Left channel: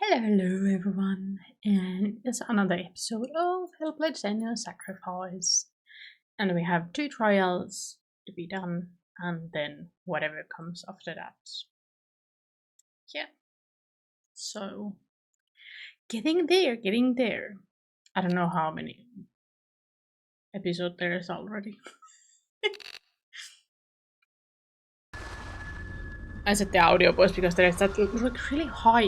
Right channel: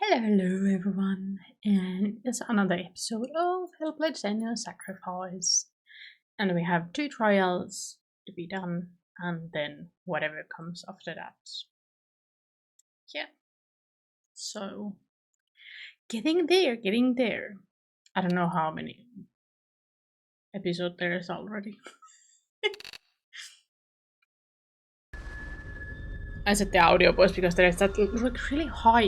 Hello everyone, and it's another episode of Hellblade Senua Sacrifice. And we have two trials to be done, and then whatever comes after that. Yeah, so getting there. I don't know how many episodes there is already. I set the audio voice because there is that like really high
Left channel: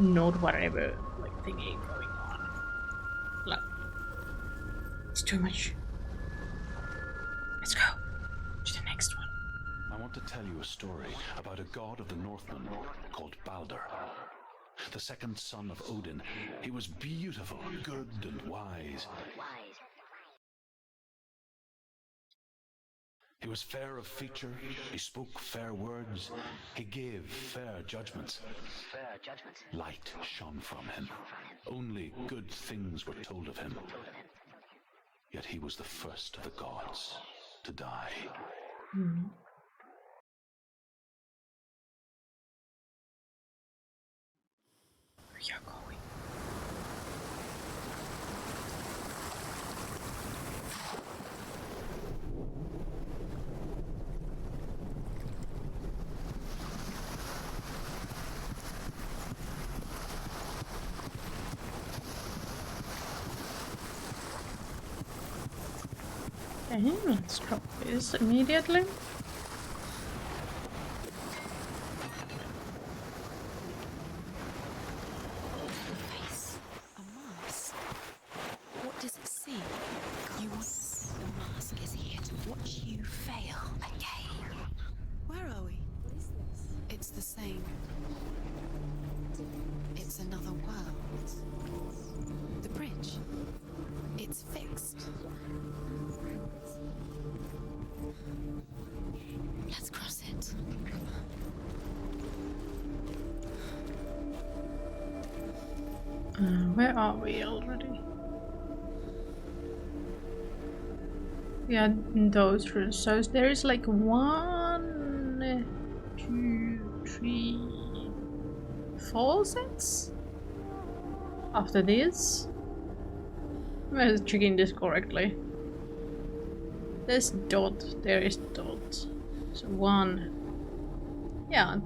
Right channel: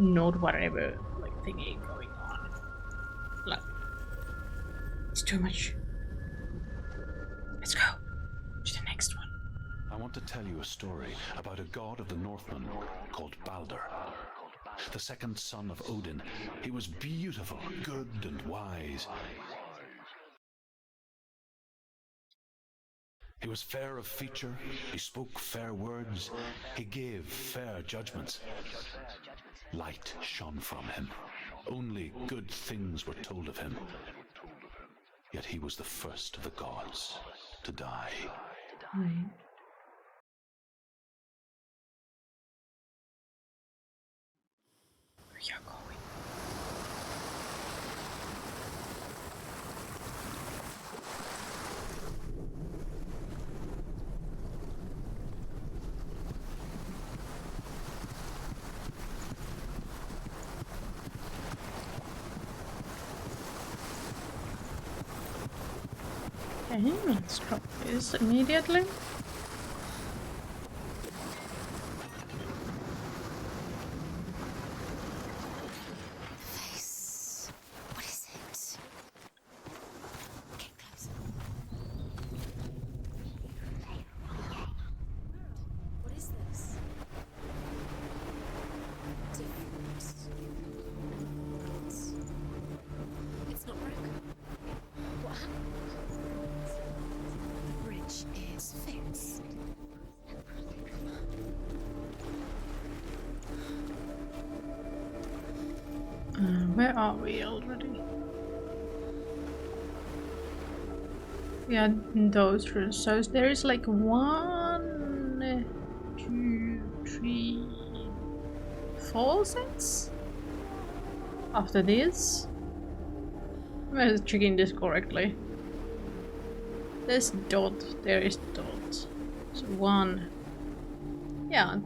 note whatever like thingy going on. Like it's too much. Let's go to the next one. I want to tell you a story about a god of the Northmen called Balder. The second son of Odin. He was beautiful, good, and wise. He was fair of feature, he spoke fair words, he gave fair judgments. Light shone from him. Only good things were told of him. Yet he was the first of the gods to die. We are going. Okay, let's drop this immediately. Where are we already? Yeah, in those rooms. So there is like 1, 2, 3, 4 sets after this. I'm checking this correctly. There's dot, there is dot. So 1. Yeah.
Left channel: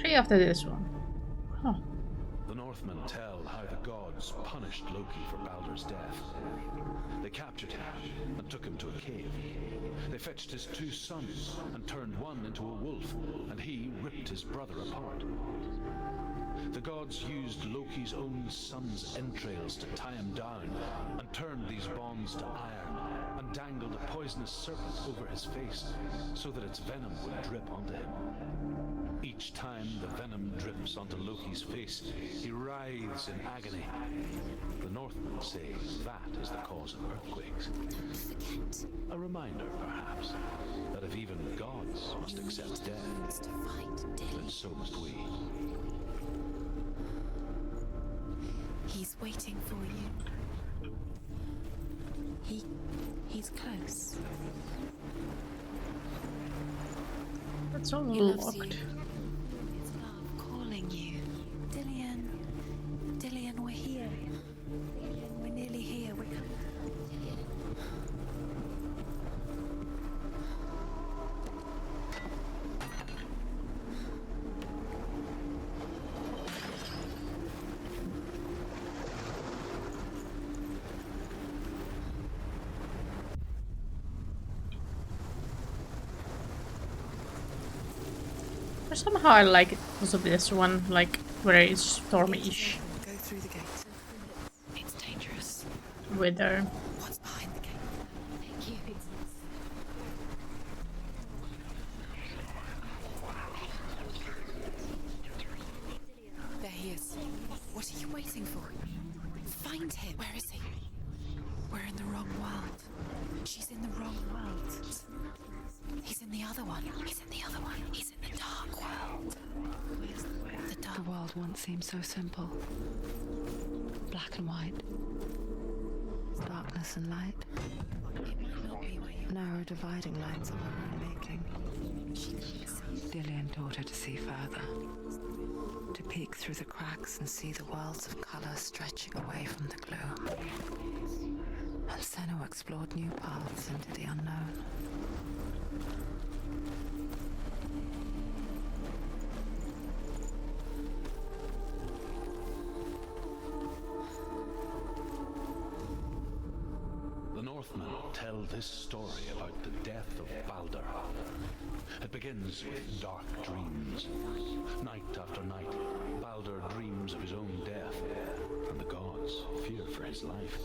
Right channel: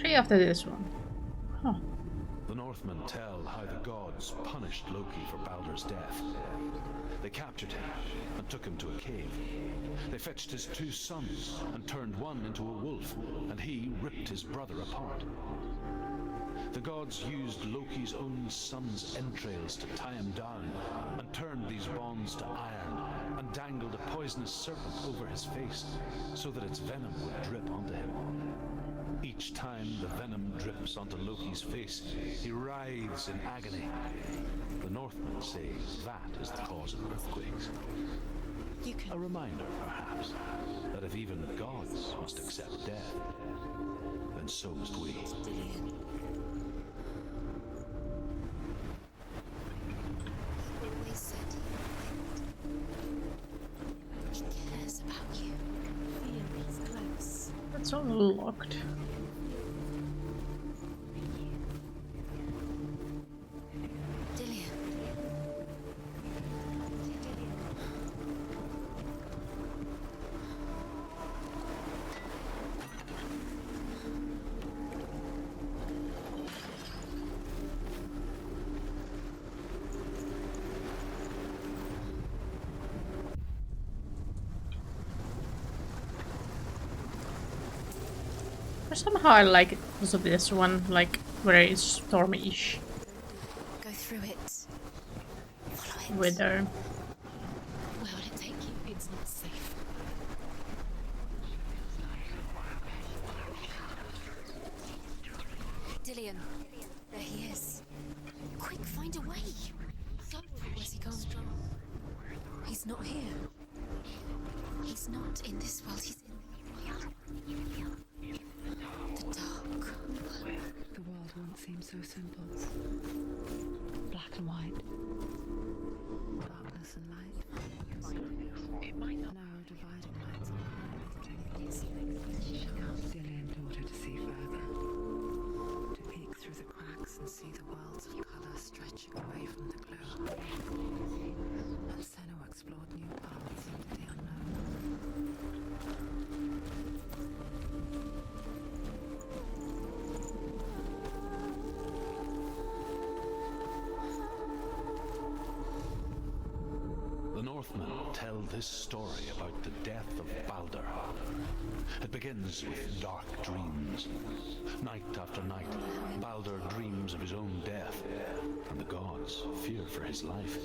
3 after this one. Huh. The Northmen tell how the gods punished Loki for Balder's death. They captured him and took him to a cave. They fetched his 2 sons and turned one into a wolf, and he ripped his brother apart. The gods used Loki's own son's entrails to tie him down and turned these bonds to iron and dangled a poisonous serpent over his face so that its venom would drip onto him. Each time the venom drips onto Loki's face, he writhes in agony. The Northmen say that is the cause of earthquakes. A reminder, perhaps, that if even gods must accept death, then so must we. He's waiting for you. They said he's close. He cares about you. That's all locked. Calling you. Dillian, we're here. Dillian, we're nearly here. Somehow I like it because of this one, like very stormy-ish Go through the gate. Go through it. It's dangerous. weather. What's behind the gate? Where will it take you? It's not safe. Dillian, there he is. There he is. What are you waiting for? Quick, find a way. Find him. Where is he? Where's he gone? We're in the wrong world. He's not here. She's in the wrong world. He's not in this world. He's in the other one. He's in the other one. He's in the dark world. The dark. The dark. The world once seemed so simple. Black and white. Darkness and light. Narrow dividing lines of our own making. Dillian taught her to see further. through the cracks and see the worlds of colour stretching away from the glue. And Senua explored new paths into the unknown. The Northmen tell this story about the death of Balder. It begins with dark dreams. Night after night, Balder dreams of his own death, and the gods fear for his life.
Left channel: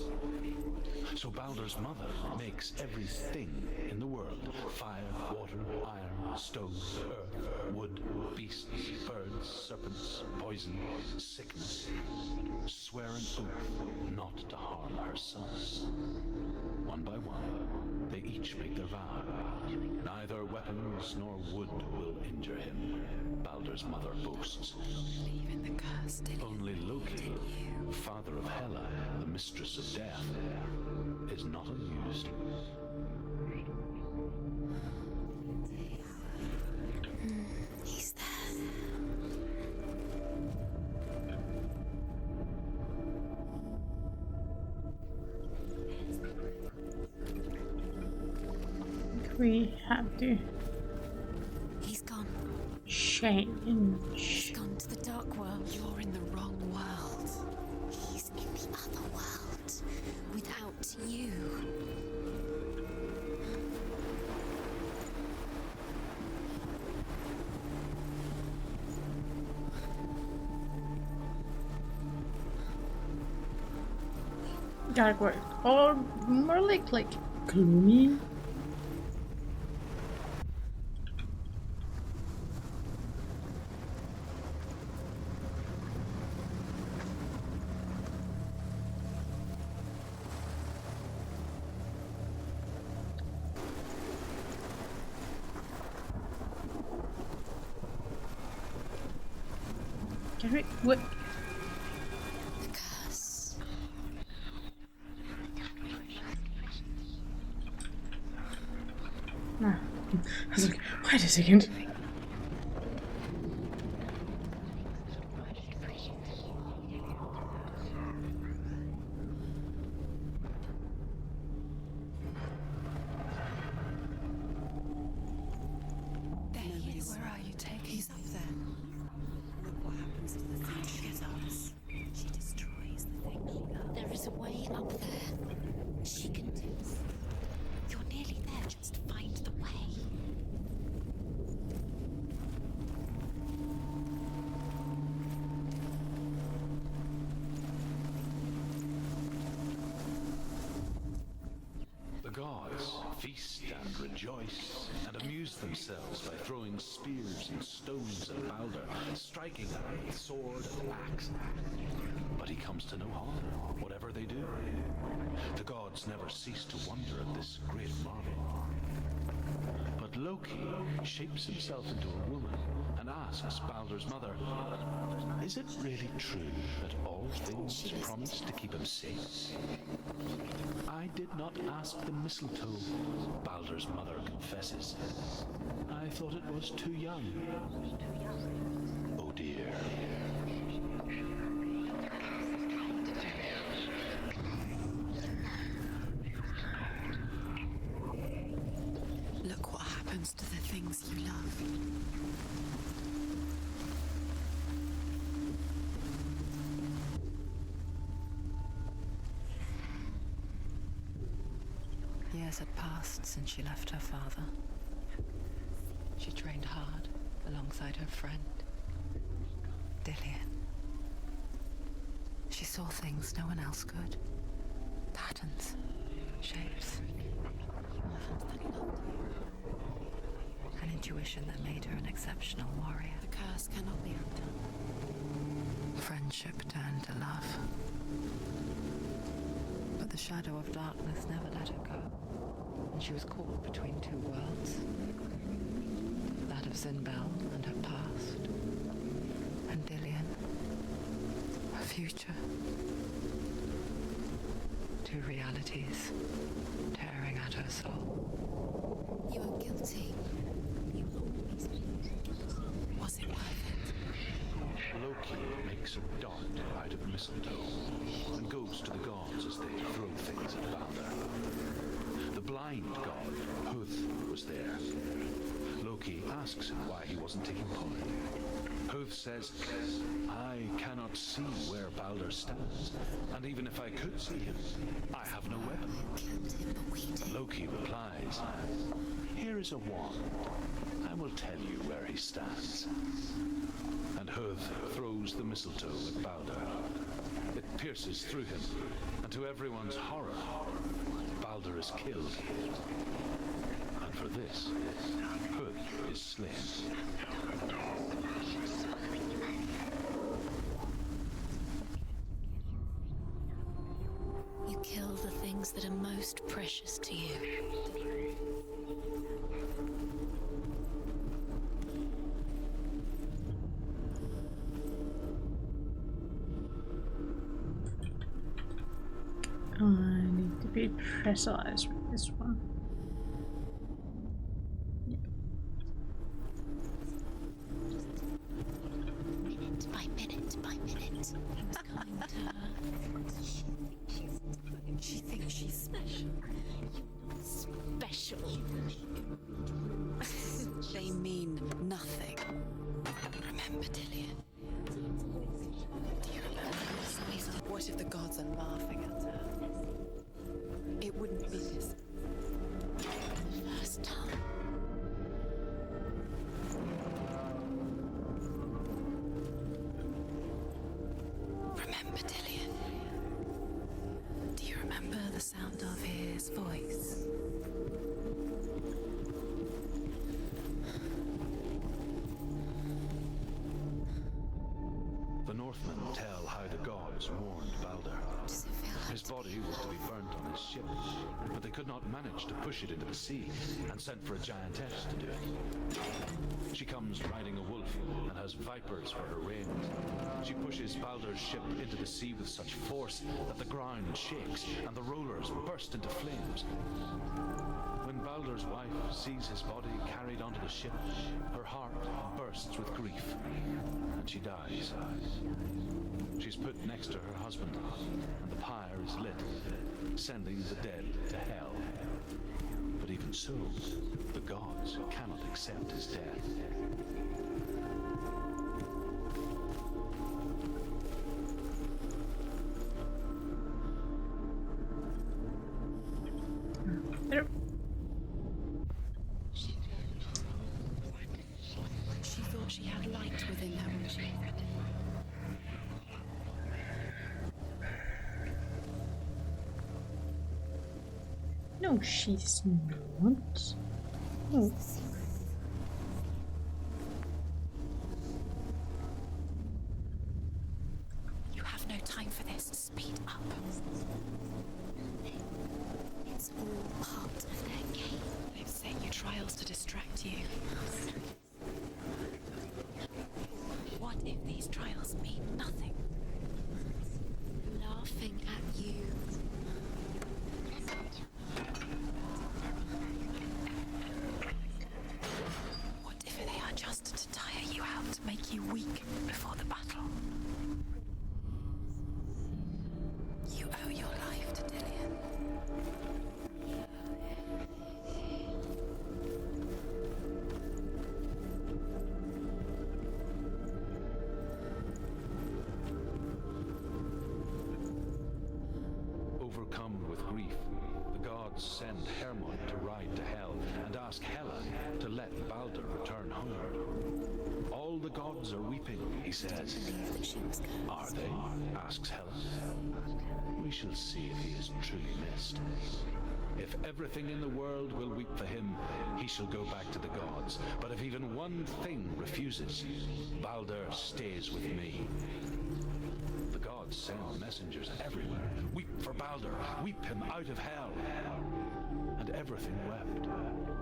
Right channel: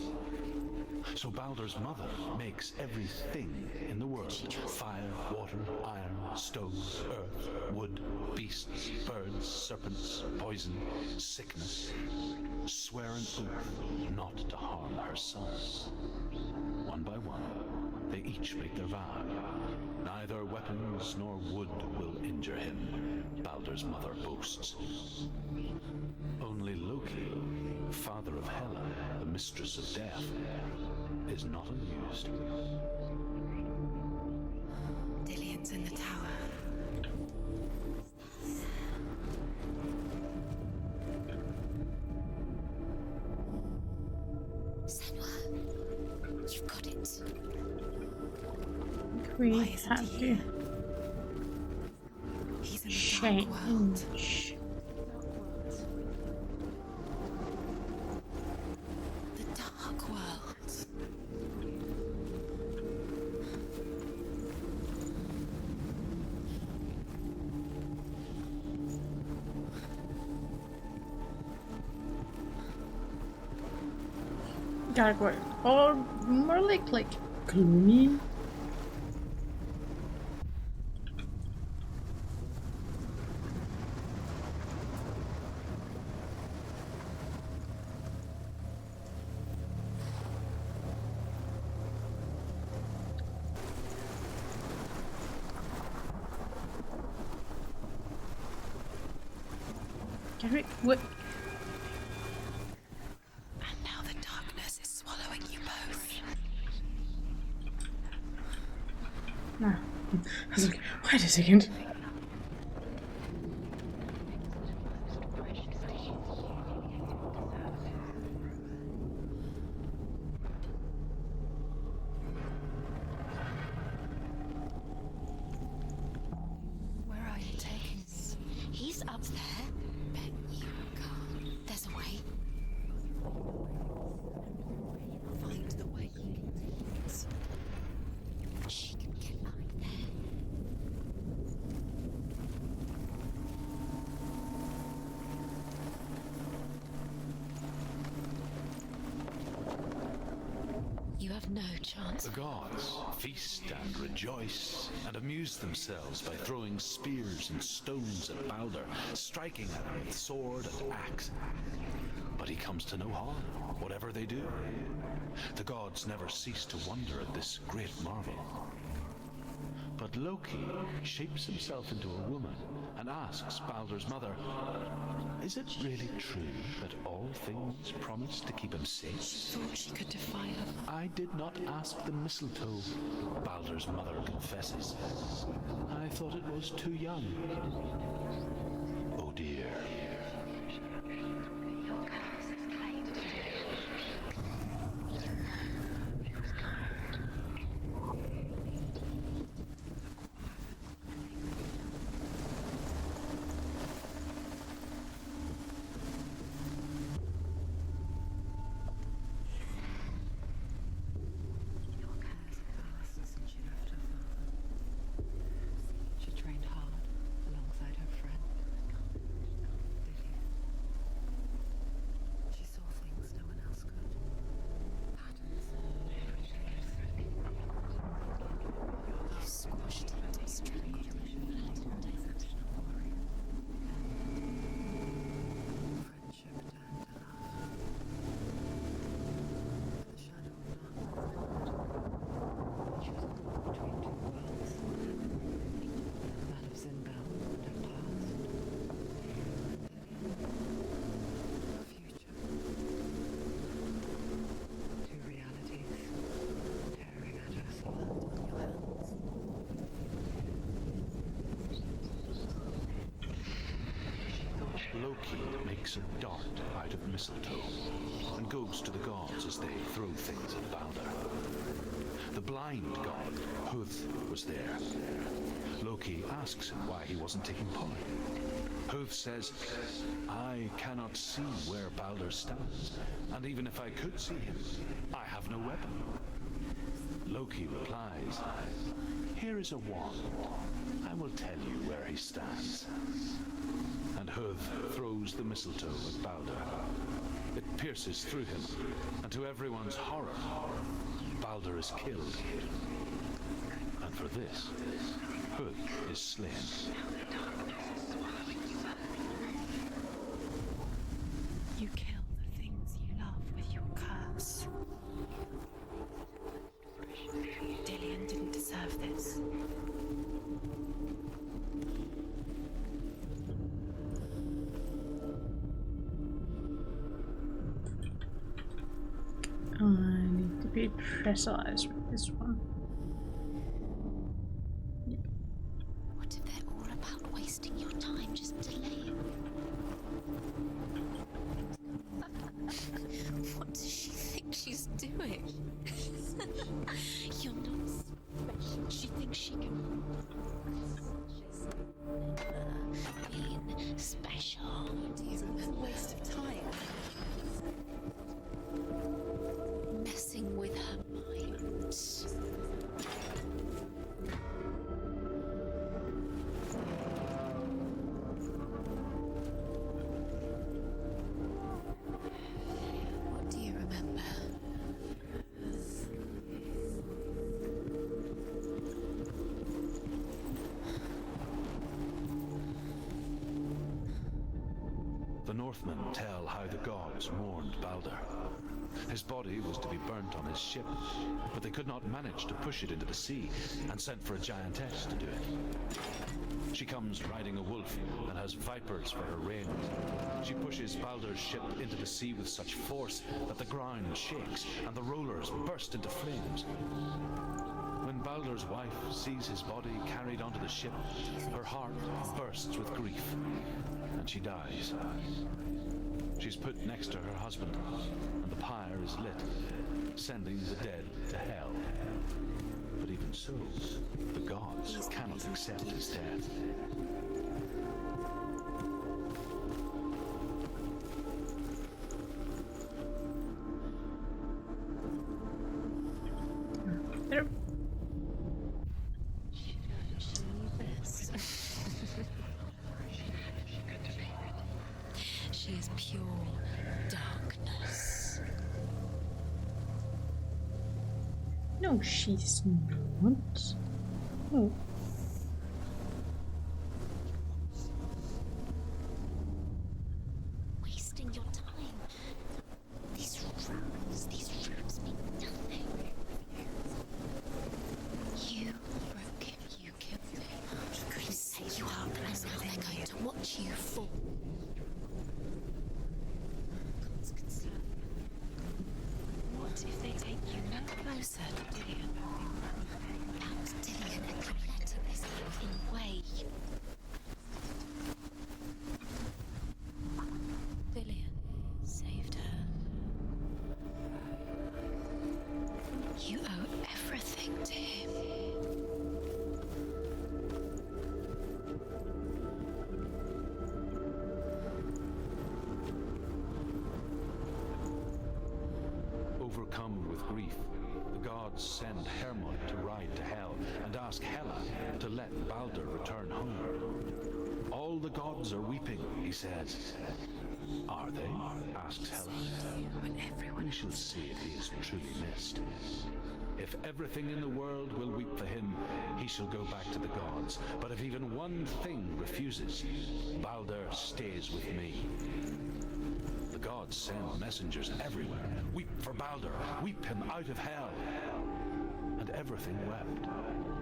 So Balder's mother makes everything in the world: fire, water, iron, stone, earth, wood, beasts, birds, serpents, poison, sickness, swear an oath not to harm her son. One by one, they each make their vow. Neither weapons nor wood will injure him, Balder's mother boasts. Only Loki, father of Hela, the mistress of death, is not amused. Dillion's in the tower. He's there. Senua, you've got it. We have to He's gone. He's in the change. dark world. He's gone to the dark world. You're in the wrong world. He's in the other world. The dark world. Without you. Dark world, or more like gloomy. Can we? What? Curse. And now the darkness is swallowing you both. No. I was like, wait a second. Where are you taking us? He's up there. There's a way. There is a way up there. Find the way. She can do this. You're nearly there. She can find the way. You have no chance. The gods feast and rejoice and amuse themselves by throwing spears and stones at Balder, striking at him with sword and axe. But he comes to no harm, whatever they do. The gods never cease to wonder at this great marvel. But Loki shapes himself into a woman and asks Balder's mother, "Is it really true that all things promise to keep him safe?" She could defy him. "I did not ask the mistletoe," Balder's mother confesses. "I thought it was too young." Oh dear. Look what happens to the things you love. Years had passed since she left her father. She trained hard alongside her friend, Dillion. She saw things no one else could. Patterns, shapes. An intuition that made her an exceptional warrior. The curse cannot be undone. Friendship turned to love. But the shadow of darkness never let her go. And she was caught between two worlds. That of Zinbel and her past. And Dillion, her future. Two realities tearing at her soul. You are guilty. Was it worth it? Loki makes a dart out of mistletoe and goes to the gods as they throw things at Balder. The blind god, Huth, was there. Loki asks him why he wasn't taking part. Huth says, I cannot see where Balder stands, and even if I could see him, I have no weapon. Loki replies, here is a wand. I will tell you where he stands. And Huth throws the mistletoe at Balder. It pierces through him, and to everyone's horror, Balder is killed. And for this, Huth is slain. You kill the things you love with your curse. You kill the things that are most precious to you. Dillion didn't deserve this. I need to be precise with this one. What if they're all about wasting your time, just delaying minute by minute by minute? Things coming to her. What does she think she's doing? You're special. She thinks she can. They mean nothing. Remember to be special. Waste of time. What if the gods are laughing at her? Messing with her, it wouldn't be this. First time. Remember Dillion? Do you remember? Do you remember the sound of his voice? The Northmen tell how the gods mourned Balder. His body was to be burnt on his ship, but they could not manage to push it into the sea and sent for a giantess to do it. She comes riding a wolf and has vipers for her reins. She pushes Balder's ship into the sea with such force that the ground shakes and the rollers burst into flames. When Balder's wife sees his body carried onto the ship, her heart bursts with grief and she dies. She's put next to her husband, and the pyre is lit, sending the dead to hell. But even so, the gods cannot accept his death. There. She thought she had light within her. She is pure darkness. No, she's not. Oh. Wasting your... You have no time for this. Speed up. These rules mean nothing. It's all part of their game. You set your trials to distract you. I'm going to set you up, and now they're going to watch you. What if these trials mean nothing? Laughing at you. What if they take you closer? What if they are just to tire you out, to make you weak before the battle? Dillion saved her. You owe your life to Dillion. You owe everything to him. Overcome with grief, the gods send Hermod to ride to Hell and ask Hela to let Balder return home. All the gods are weeping, he says. Are they? Asks Hela. We shall see if he is truly missed. If everything in the world will weep for him, he shall go back to the gods. But if even one thing refuses, Balder stays with me. The gods send messengers everywhere. Weep for Balder, weep him out of hell. And everything wept.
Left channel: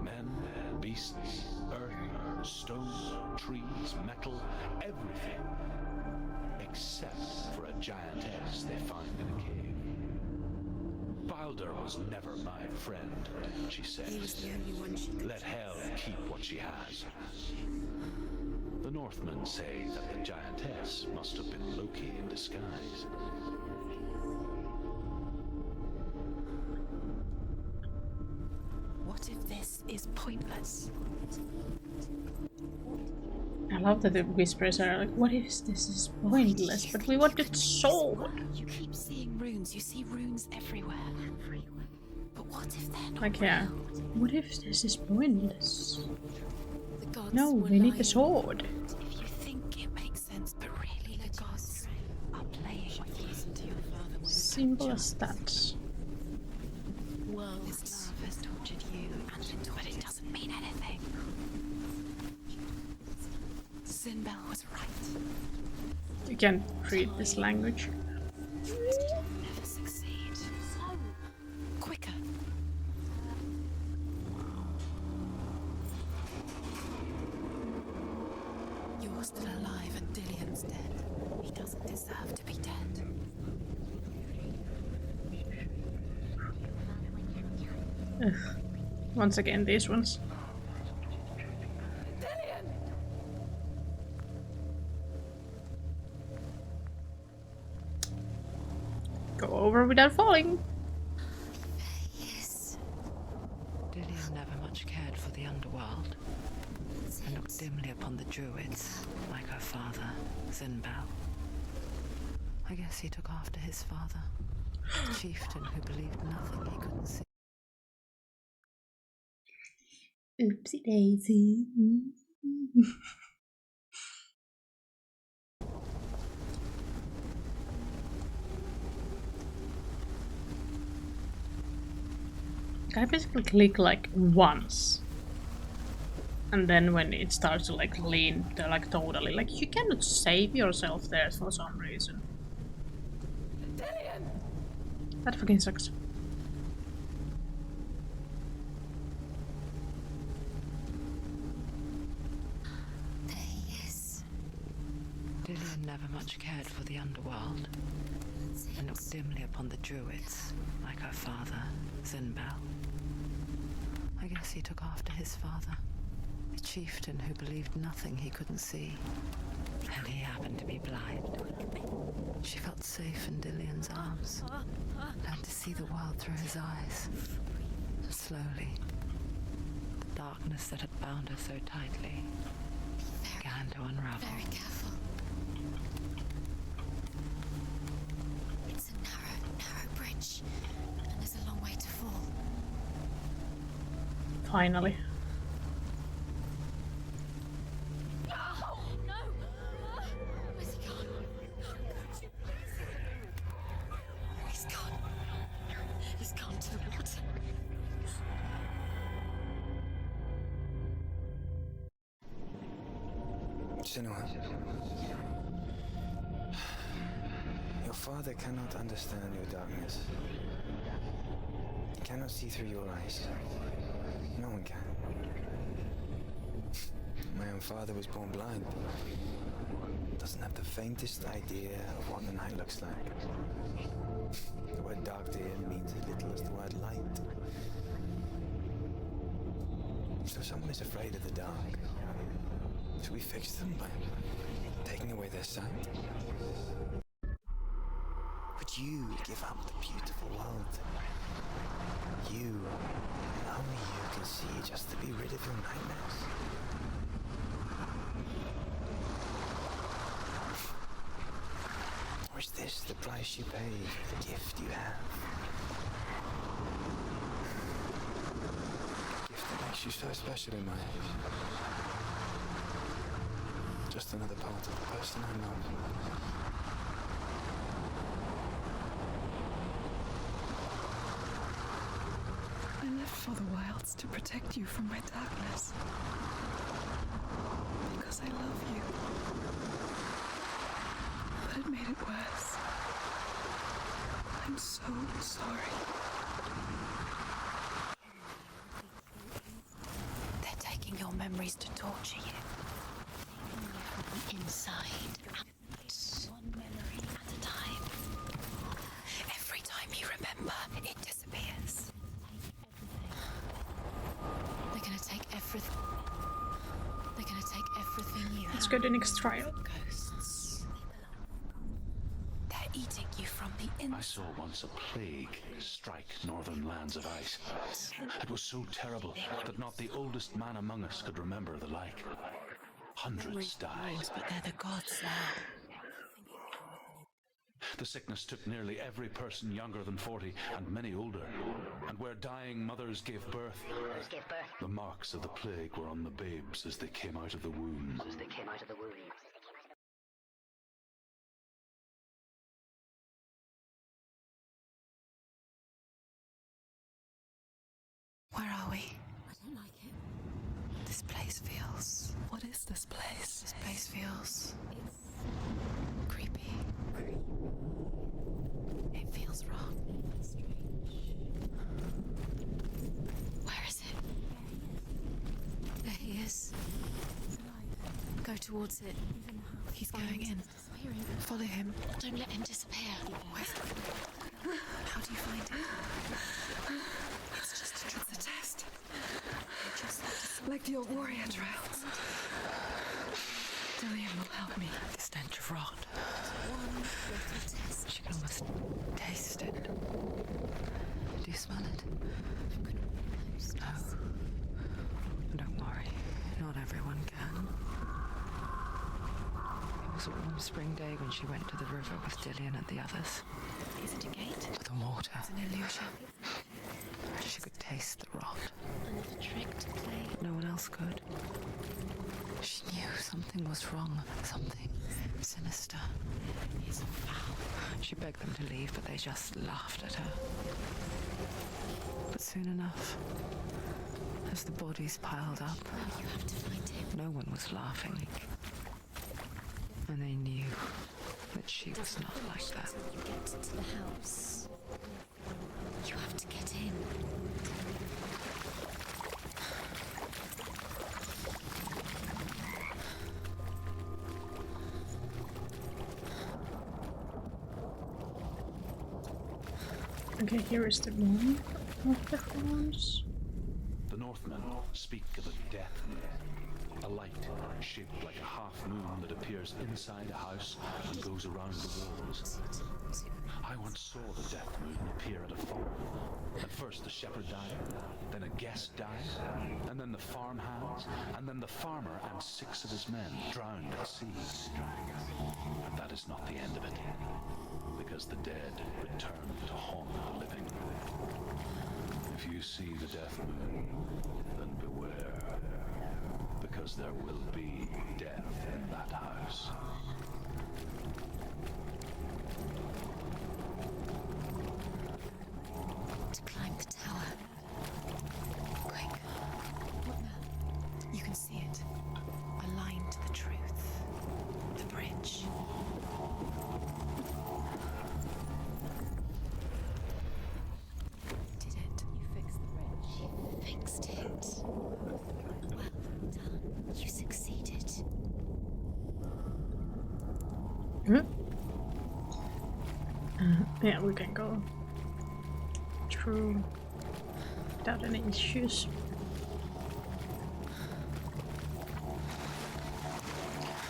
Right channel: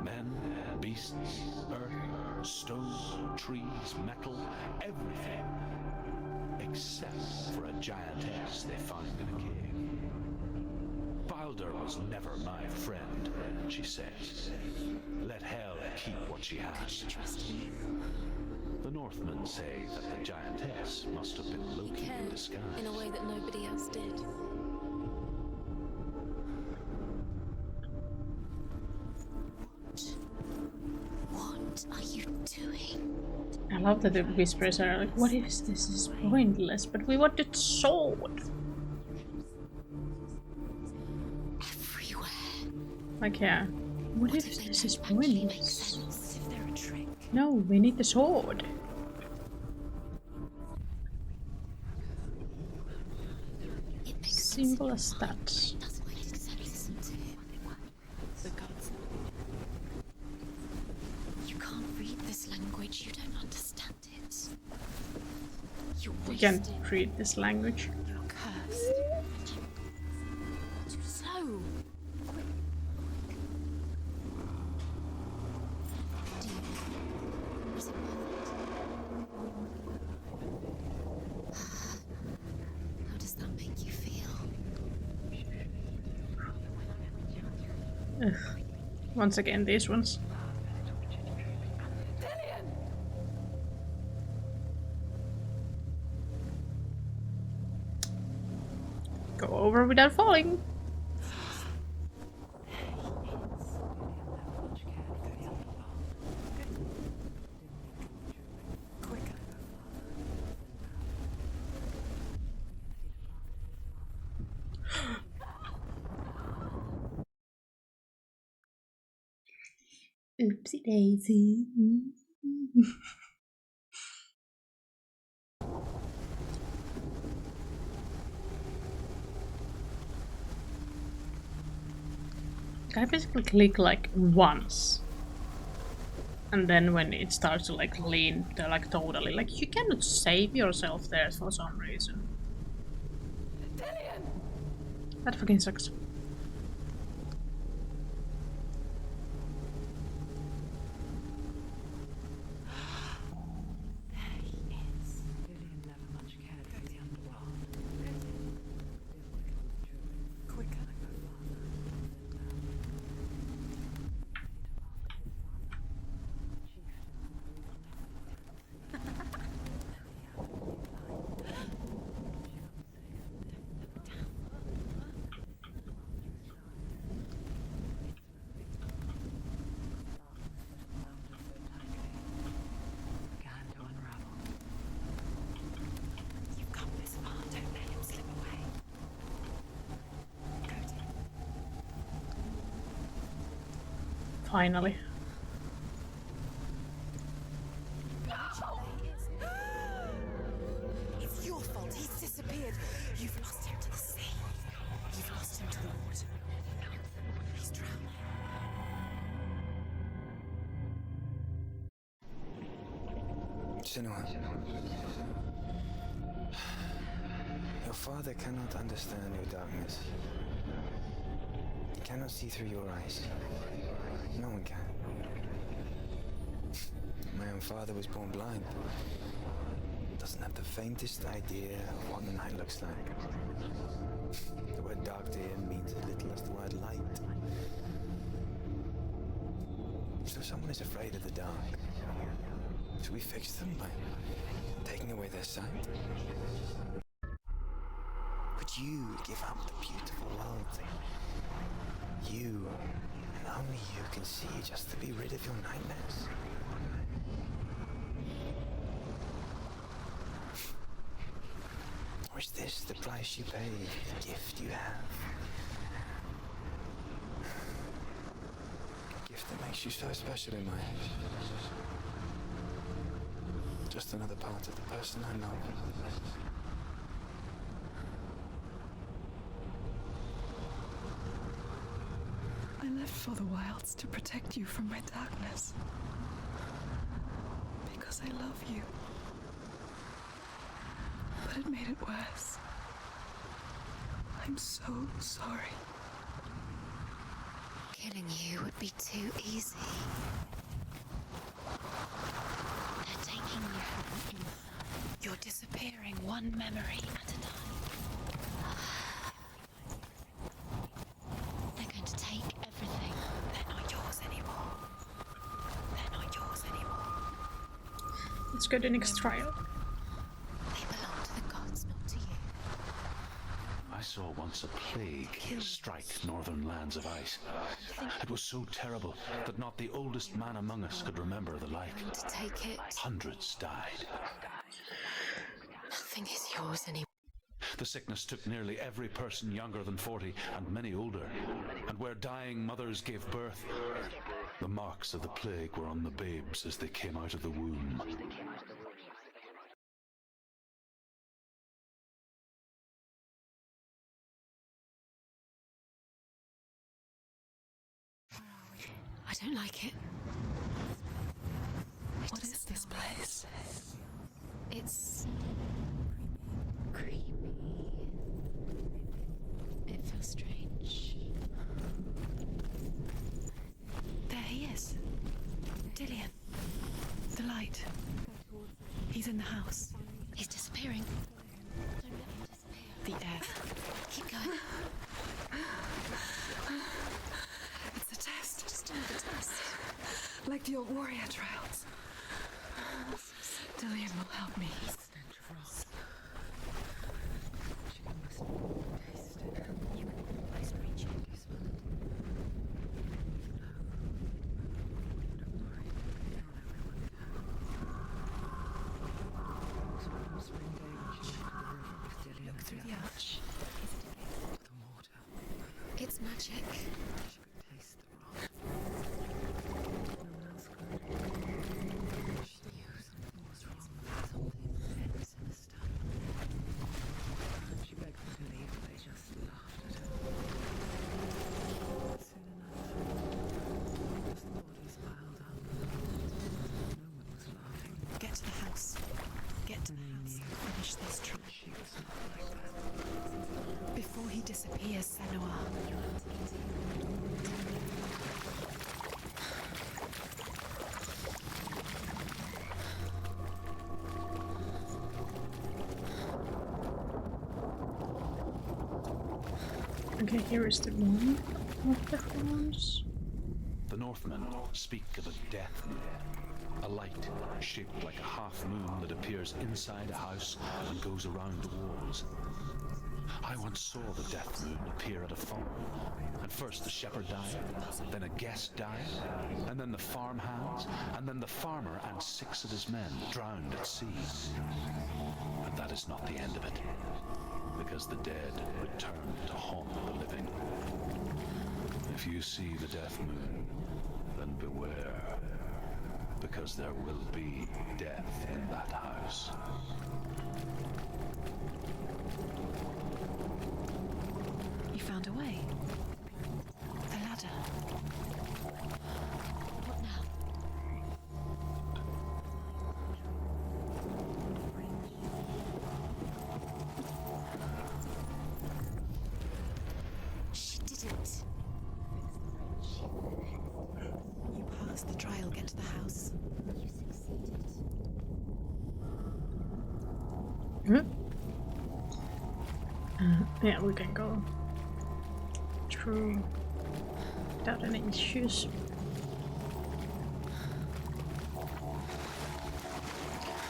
Men, beasts, earth, stone, trees, metal, everything. Except for a giantess they find in a cave. Balder was never my friend, she says. Let hell keep what she has. The Northmen say that the giantess must have been Loki in disguise. In a way that nobody else did. What if this is pointless? What are you doing? I love that the whispers are like, what if this is pointless? But we wanted sword! You keep seeing runes. You see runes everywhere. Everywhere. What if they're not Like, yeah. real? What if this is pointless? They're a trick. Gods No, were we need the lying. sword. If you think it makes sense, but really the gods are playing with you. Simple as that. Well, this love has doctored you, but it doesn't mean anything. You can't read this language. You don't understand. Sinbel was right. You You can't read this language. cursed. Succeed. So quicker. You're still alive and Dillion's dead. He doesn't deserve to be dead. How does that make you feel? Ugh. Once again, these ones. Go over without falling. Yes. Dillion never much cared for the underworld, and looked dimly upon the druids, like her father, Sinbal. I guess he took after his father, a chieftain who believed nothing he couldn't see. Oopsie daisy. I basically click like once. And then when it starts to like lean, they're like totally like, you cannot save yourself there for some reason. That fucking sucks. Yes. Dillion never much cared for the underworld, and looked dimly upon the druids, like her father, Sinbal. I guess he took after his father, a chieftain who believed nothing he couldn't see, and he happened to be blind. She felt safe in Dillion's arms, learned to see the world through his eyes. And slowly, the darkness that had bound her so tightly began to unravel. Very careful. You've got this far, don't let it slip away. It's a narrow bridge. And there's a long way to fall. Finally. It's your fault. He's disappeared. You've lost him to the sea. He's gone. You've lost him to it. He's gone to the water. He's drowned. Senua, your father cannot understand your darkness. He cannot see through your eyes. No one can. My own father was born blind. Doesn't have the faintest idea of what the night looks like. The word dark to him means as little as the word light. So someone is afraid of the dark. Should we fix them by taking away their sight? Would you give up the beautiful world? You, and only you can see just to be rid of your nightmares. Or is this the price you pay for the gift you have? A gift that makes you so special in my eyes. Just another part of the person I love. I left for the wilds to protect you from my darkness. Because I love you. But it made it worse. I'm so sorry. Killing you would be too easy. They're taking your memories to torture you. They're taking you from the inside. You're disappearing one memory at a time. Every time you remember, it disappears. They're going to take everything. They're not yours anymore. They're going to take everything. They're not yours anymore. They're going to take everything you have. Let's go to the next trial. Ghosts. They belong to the gods, not to you. They're eating you from the inside. I saw once a plague strike northern lands of ice. It was so terrible that not the oldest man among us could remember the like. To take it. Hundreds died. But they're the gods now. Nothing is yours anymore. The sickness took nearly every person younger than 40 and many older. And where dying mothers gave birth, the marks of the plague were on the babes as they came out of the womb. Where are we? I don't like it. This place feels... What is this place? This place feels... It's... creepy. Creepy. It feels wrong. It feels strange. Where is it? There he is. There he is. The light. Go towards it. He's in the house. He's going in. He's disappearing. Follow him. Don't let him disappear. The air. Keep going. How do you find it? It's a test. Like the old warrior trials. Dillian will help me. The stench of rot. She can almost taste it. Do you smell it? No. Don't worry. Not everyone can. It was a warm spring day when she went to the river with Dillian and the others. Is it a gate? The water. It's an illusion. It's magic. She could taste the rot. Tricked. No one else could. She knew something was wrong. Something sinister. She begged them to leave, but they just laughed at her. But soon enough, as the bodies piled up, no one was laughing. Get to the house. Get to And they knew that she was not like that. Before he disappears, Senua, you have to get in. Okay, here is the one of the horns. The Northmen speak of a death moon, a light shaped like a half moon that appears inside a house and goes around the walls. I once saw the death moon appear at a farm, and first the shepherd died, then a guest died, and then the farmhands, and then the farmer and 6 of his men drowned at sea. And that is not the end of it, because the dead return to haunt the living. If you see the death moon, then beware, because there will be death in that house. You found a way to climb the tower. The ladder. Quick. What now? You can see it. Aligned to the truth. The bridge. She did it. You fixed the bridge. You fixed it. You passed the trial. Get to the house. You succeeded. Yeah, we can go through without any issues.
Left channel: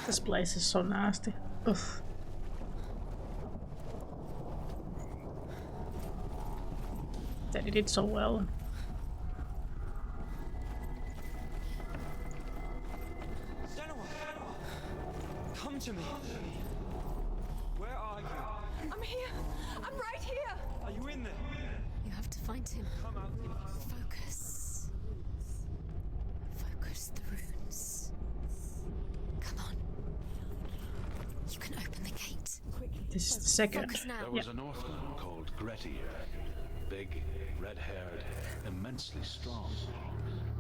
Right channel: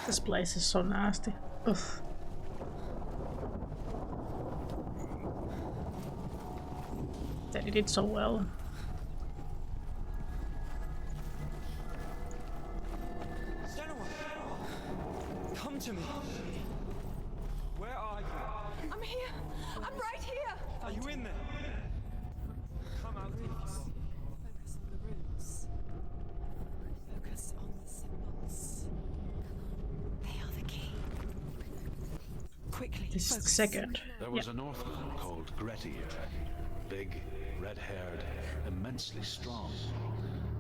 This place is so nasty. Ugh. That it did so well. Senua! Come to me! Where are you? I'm here! I'm right here! Are you in there? You have to find him. Come out if you want. Focus. Focus the rooms. Come on. They are the key. You can open the gate. Quickly. This is the second. Focus now. There was a Northman called Grettir, big, red-haired, immensely strong,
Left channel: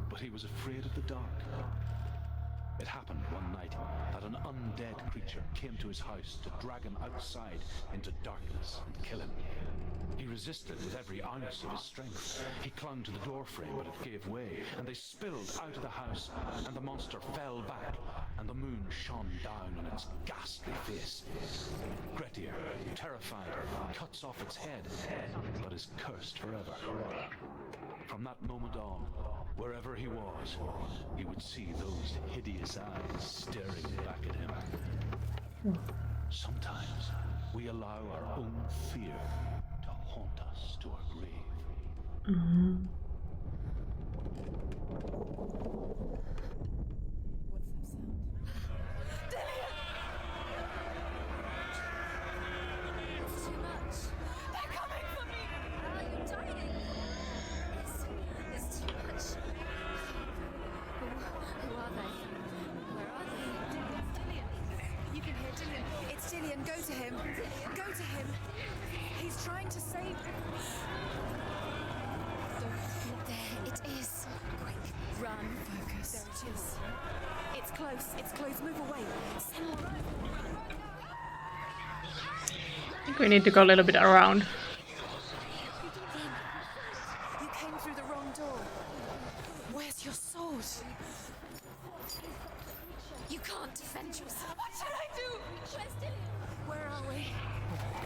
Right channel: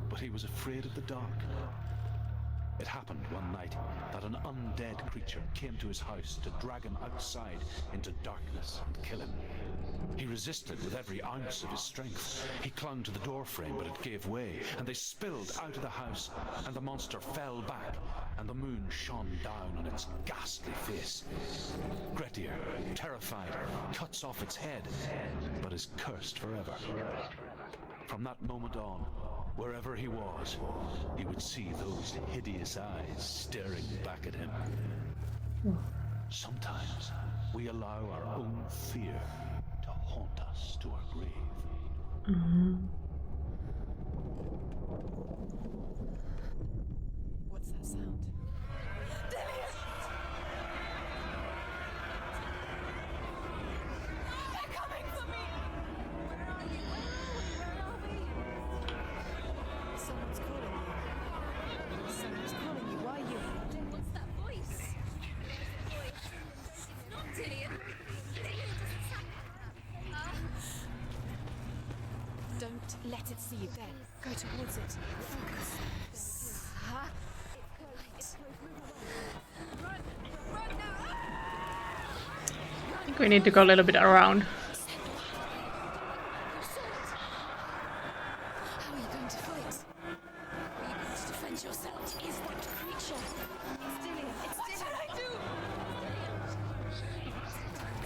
but he was afraid of the dark. It happened one night that an undead creature came to his house to drag him outside into darkness and kill him. He resisted with every ounce of his strength. He clung to the doorframe, but it gave way, and they spilled out of the house, and the monster fell back, and the moon shone down on its ghastly face. Grettir, terrified, cuts off its head, but is cursed forever. From that moment on, Wherever he was, he would see those hideous eyes staring back at him. Sometimes we allow our own fear to haunt us to our grave. What's that sound? Dillian! They're coming for me! It's Dillian, go to him. Dillian, go to him. He's trying to save you. Don't let it see it. It is. Go towards it. Run. There it is. It's close. It's close. Move away. Run. I think we need to go a little bit around. Where's your sword? Defend yourself. Is that creature? You can't defend yourself. What should I do? Where are we?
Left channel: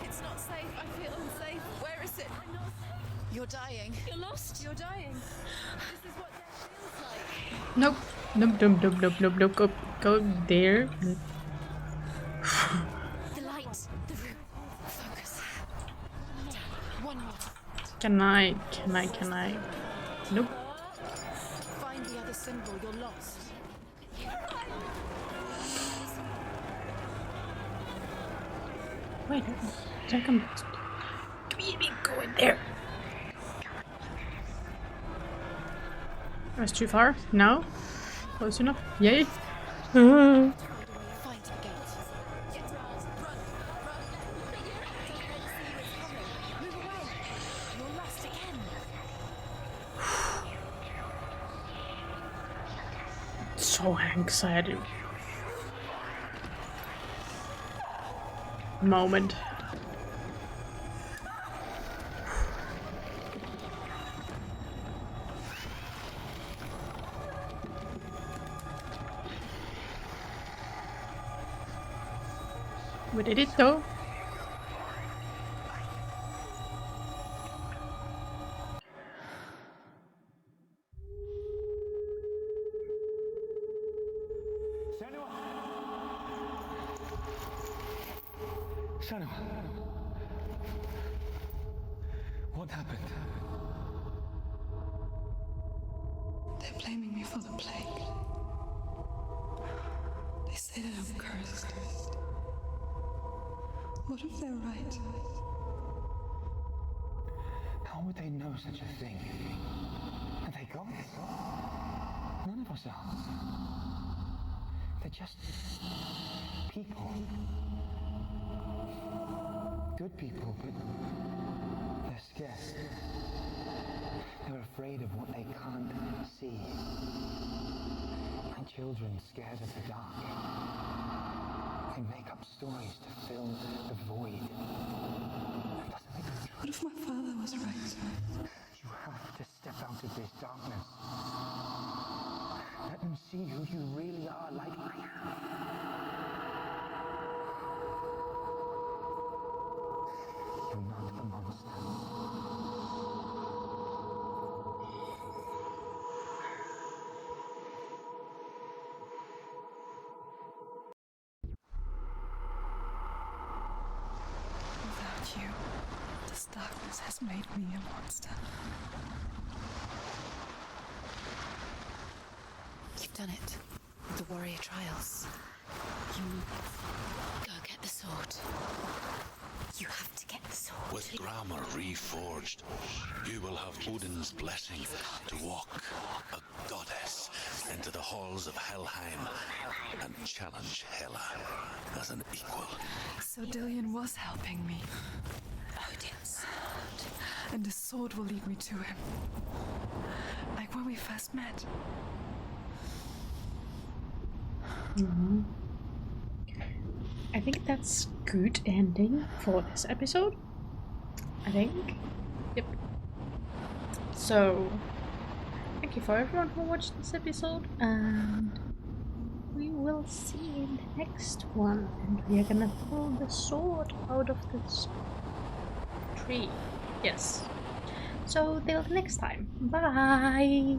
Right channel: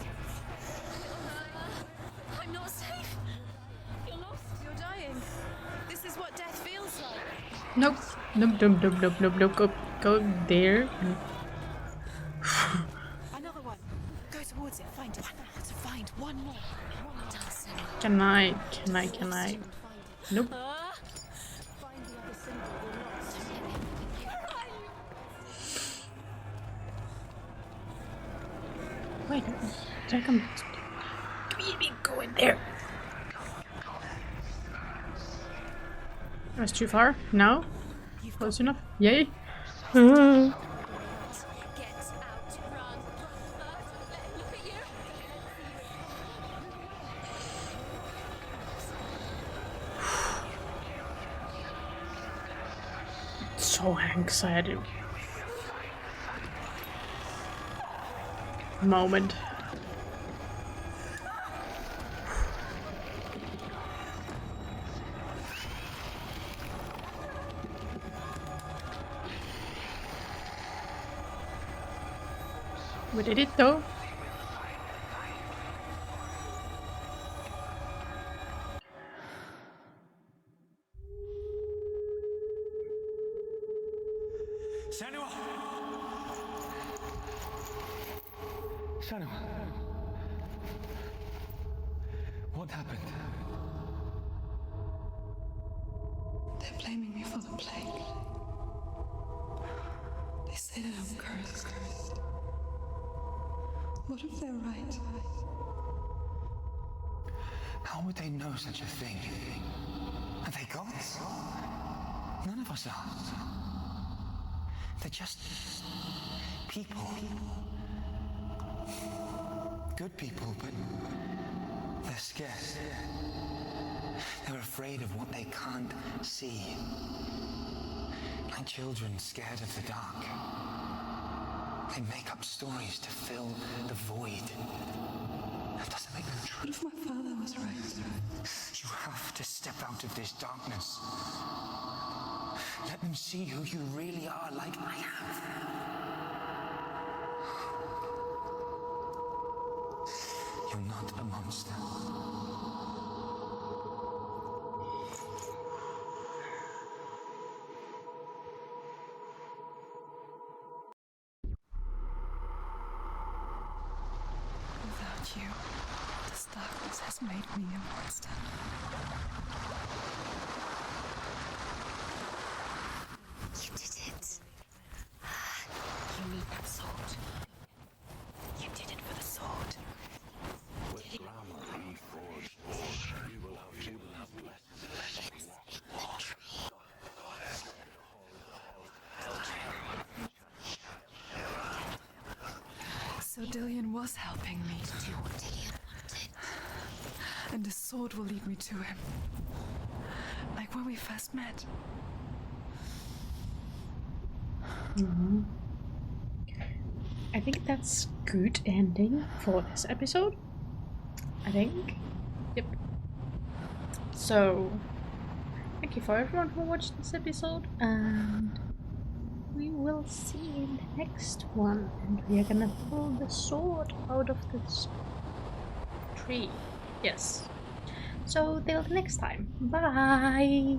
It's not safe. I feel unsafe. Where is it? I'm not safe. You're dying. You're lost. You're dying. This is what death feels like. Nope. Nope, nope, nope, nope, nope, nope. Go there. A light. Go towards it. Find it. To find one more. One more. Can I? Nope. Find the other symbol. We're lost. Wait, did I come? Go in there. That's too far? No? Close enough? Yay! So anxiety. Moment. We did it though. Senua! Senua. What happened? They're blaming me for the plague. They say that I'm cursed. What if they're right? How would they know such a thing? Are they gods? None of us are. They're just people. Good people, but they're scared. They're afraid of what they can't see. Like children scared of the dark. They make up stories to fill the void. That doesn't make them true. What if my father was right? You have to step out of this darkness. Let them see who you really are, like I have. You're not a monster. Without you, this darkness has made me a monster. You've done it. You did it. The warrior trials. You need that sword. Go get the sword. You did it for the sword. You have to get the sword. With grammar reforged, you will have Odin's blessing to walk a goddess into the halls of Helheim and challenge Hela as an equal. So Dillian was helping me. And the sword will lead me to him. Like when we first met. I think that's good ending for this episode. I think. Yep. So, thank you for everyone who watched this episode, and we will see you in the next one. And we are gonna pull the sword out of this tree. Yes. So, till next time. Bye!